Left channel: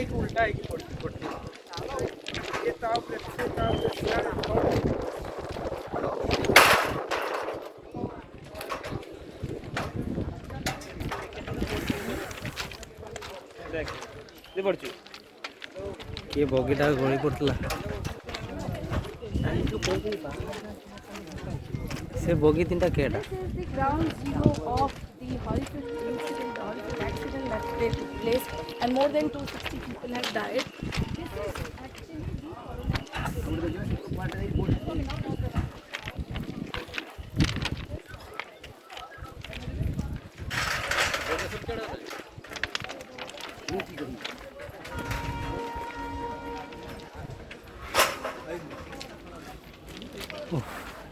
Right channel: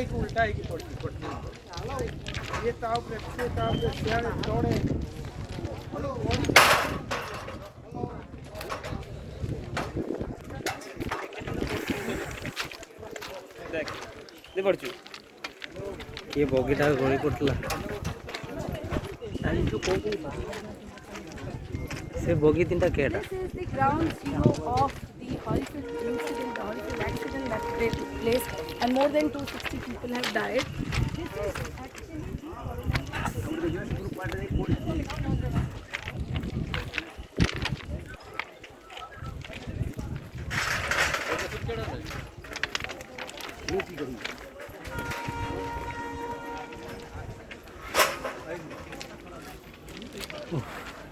उल्टा है कि ये ताव से ये बगीटा गई पड़ता से बगी तीन केटा and more than 260 people have died. This is actually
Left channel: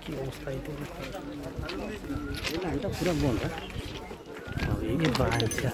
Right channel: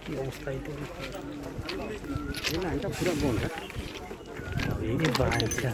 की अवस्था ही तो पूरा बंद है बांचा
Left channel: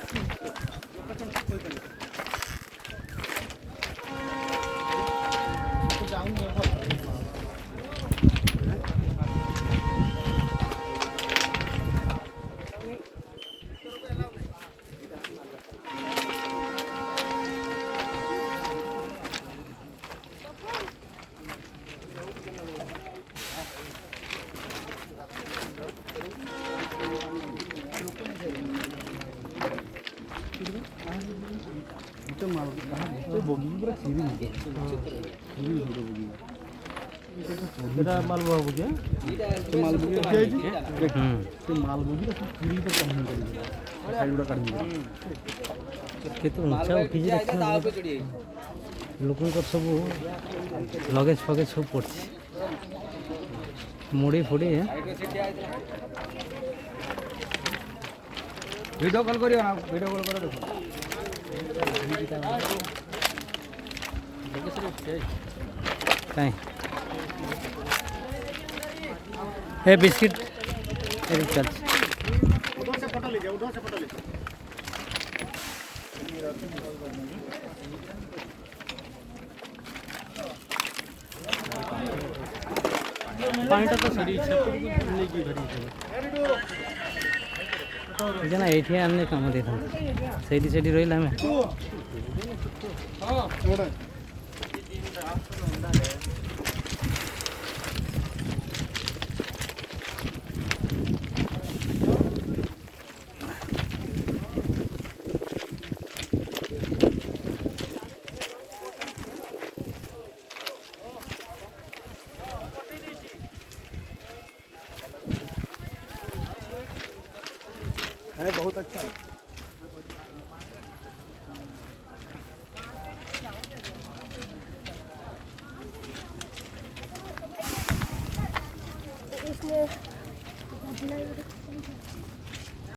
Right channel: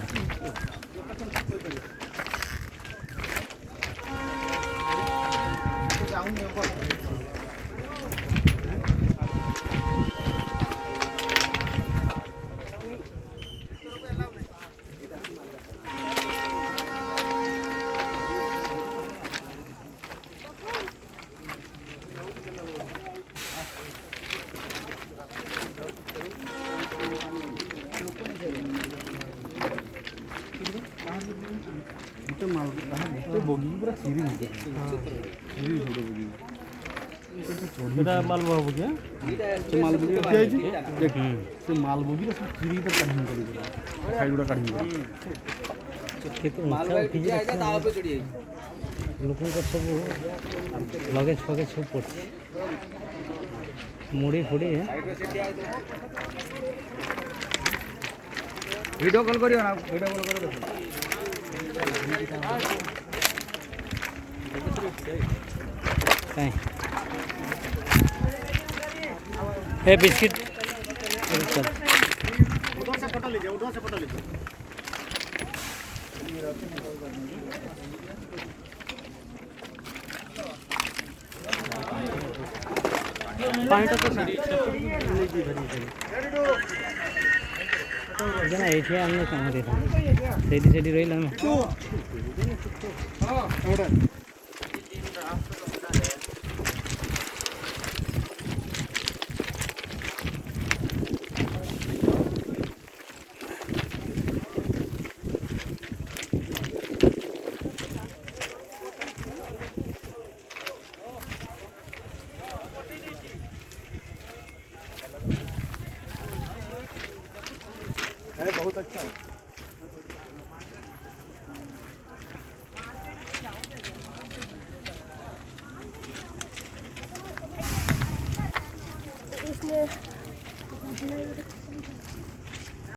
लोक सब लगेज फगेज सब पड़ मुड़ी फुड़ी वीडियो कॉल करियो ना वीडियो कॉल करियो ए बिस्किट चल उधर से फोटो लीजिए उधर से फोटो लीजिए पानी तो सारी लेगी भरी ना ये आने कम देता सेडी सेडी रहिला में बहुत अच्छा है उसमें